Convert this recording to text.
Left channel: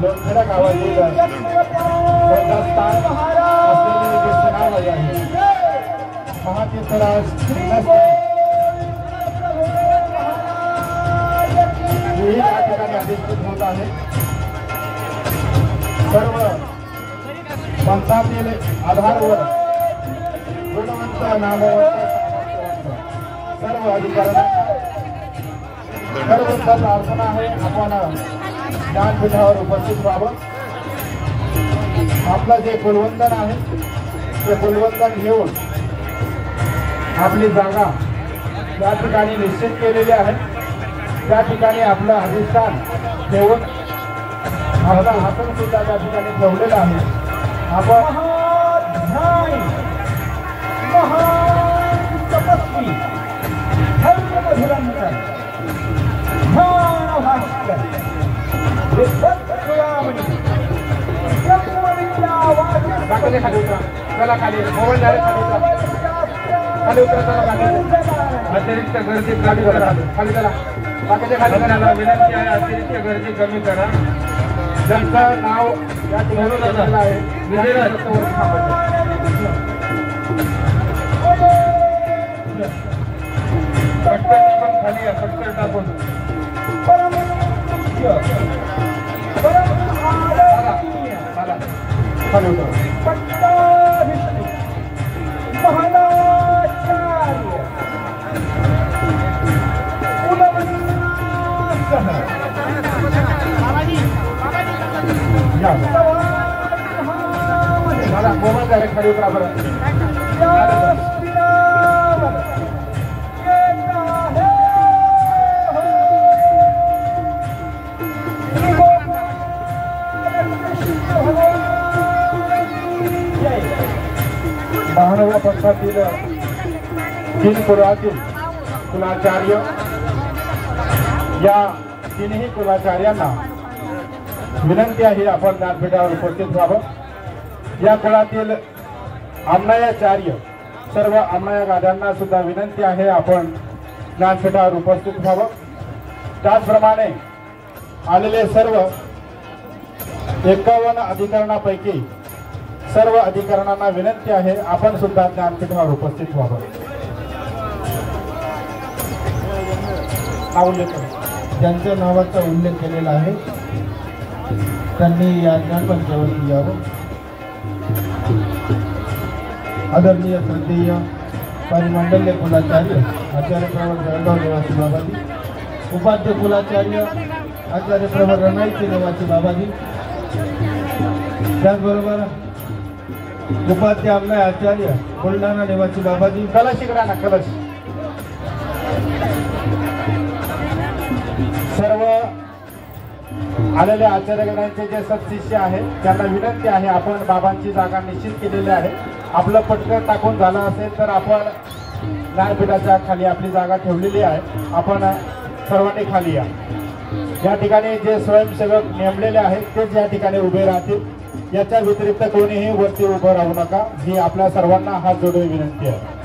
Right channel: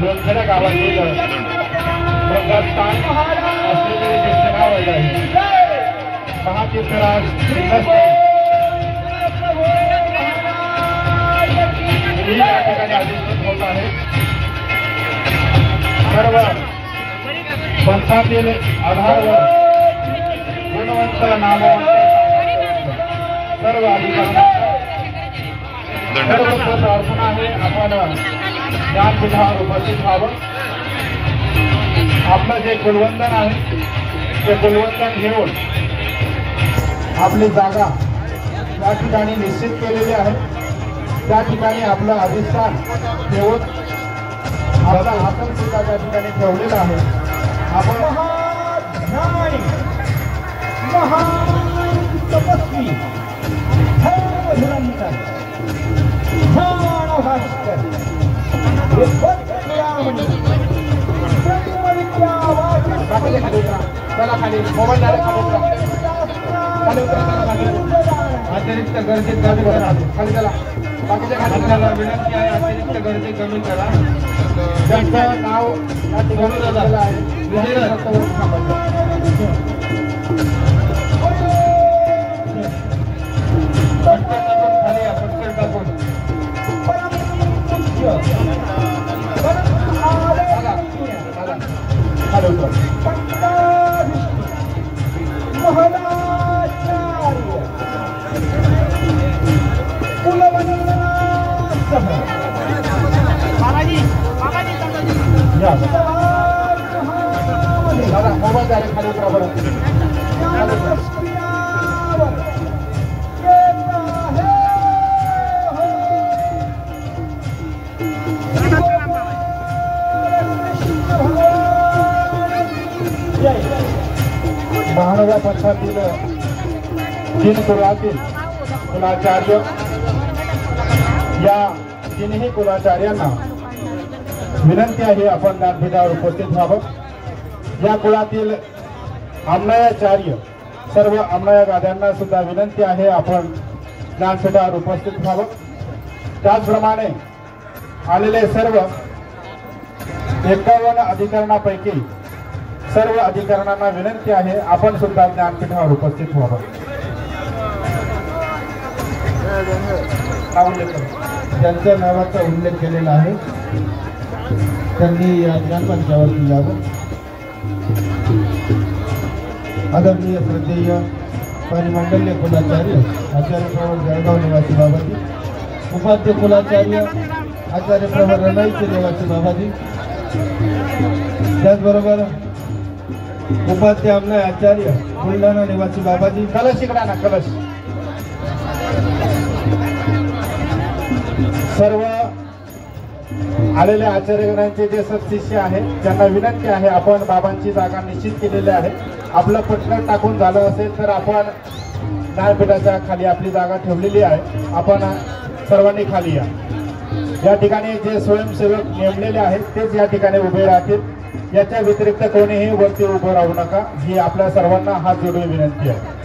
लोणखेडा गावातील महातीर्थराज या ठिकाणी अधिकृत होत आहे। सर्व पंथातील आधारावर गुणवंत नामवंत सर्व अधिकाऱ्यांना सर्वप्रथम अर्पण आहे। आपण ज्ञानपीठावर उपस्थित व्हावं। आपलं जे कुलवंदन आहे ते कुलवंदन घेऊन आपली जागा या ठिकाणी निश्चित केलेली आहे। त्या ठिकाणी आपलं अधिष्ठान ठेवून आपला हातम सुद्धा त्या ठिकाणी ठेवलेला आहे। आपण तपस्वी चला खाली मोबाईल डायरेक्ट खाली उतरा चला खाली अतिरिक्त गर्दी कमी करा खाली चला बाकीच्या खाली विनंती आहे अतिरिक्त गर्दी कमी करा। ज्यांचं नाव या ठिकाणी दिलेलं आहे पटकन टाकून खाली या पटकन टाकून खाली उतरा। मोबाईल डायरेक्ट खाली उतरा बरं। महानवा पंथातील तीन कुलातील कुलाचार्य या तिन्ही कुलाचार्यांना विनंती आहे आपण ज्ञानपीठावर उपस्थित व्हावं। या कुळातील अन्नयाचार्य सर्व अन्नय गाद्यांना सुद्धा विनंती आहे आपण ज्ञानपीठावर उपस्थित व्हावं। त्याचप्रमाणे आलेले सर्व 51 अधिकरणापैकी सर्व अधिकाऱ्यांना विनंती आहे आपण सुद्धा ज्ञानपीठावर उपस्थित व्हावं। ज्यांच्या नावाचा उल्लेख केलेला आहे त्यांनी या ज्ञानपंचावरती यावं। आदरणीय श्रद्धेय परिमंडलीय कुलाचार्य आचार्य प्रभू जळगाव निवासी बाबाजी, उपाध्य कुलाचार्य आचार्य प्रभू रनाईचे निवासी बाबाजी, त्याचबरोबर उपाध्य आमनाय आचार्य बुलढाणा निवासी बाबाजी, कलश इकडे ना कलश। सर्व आलेल्या आचार्यगणांचे जे सत्शिष्य आहेत त्यांना विनंती आहे आपण बाबांची जागा निश्चित केलेली आहे। आपलं पटकन टाकून झालं असेल तर आपण ज्ञानपीठाच्या खाली आपली जागा ठेवलेली आहे। आपण सर्वांनी खाली या ठिकाणी जे स्वयंसेवक नेमलेले आहेत तेच या ठिकाणी उभे राहतील। याच्या व्यतिरिक्त कोणीही वरती उभं राहू नका ही आपल्या सर्वांना हात जोडून विनंती आहे।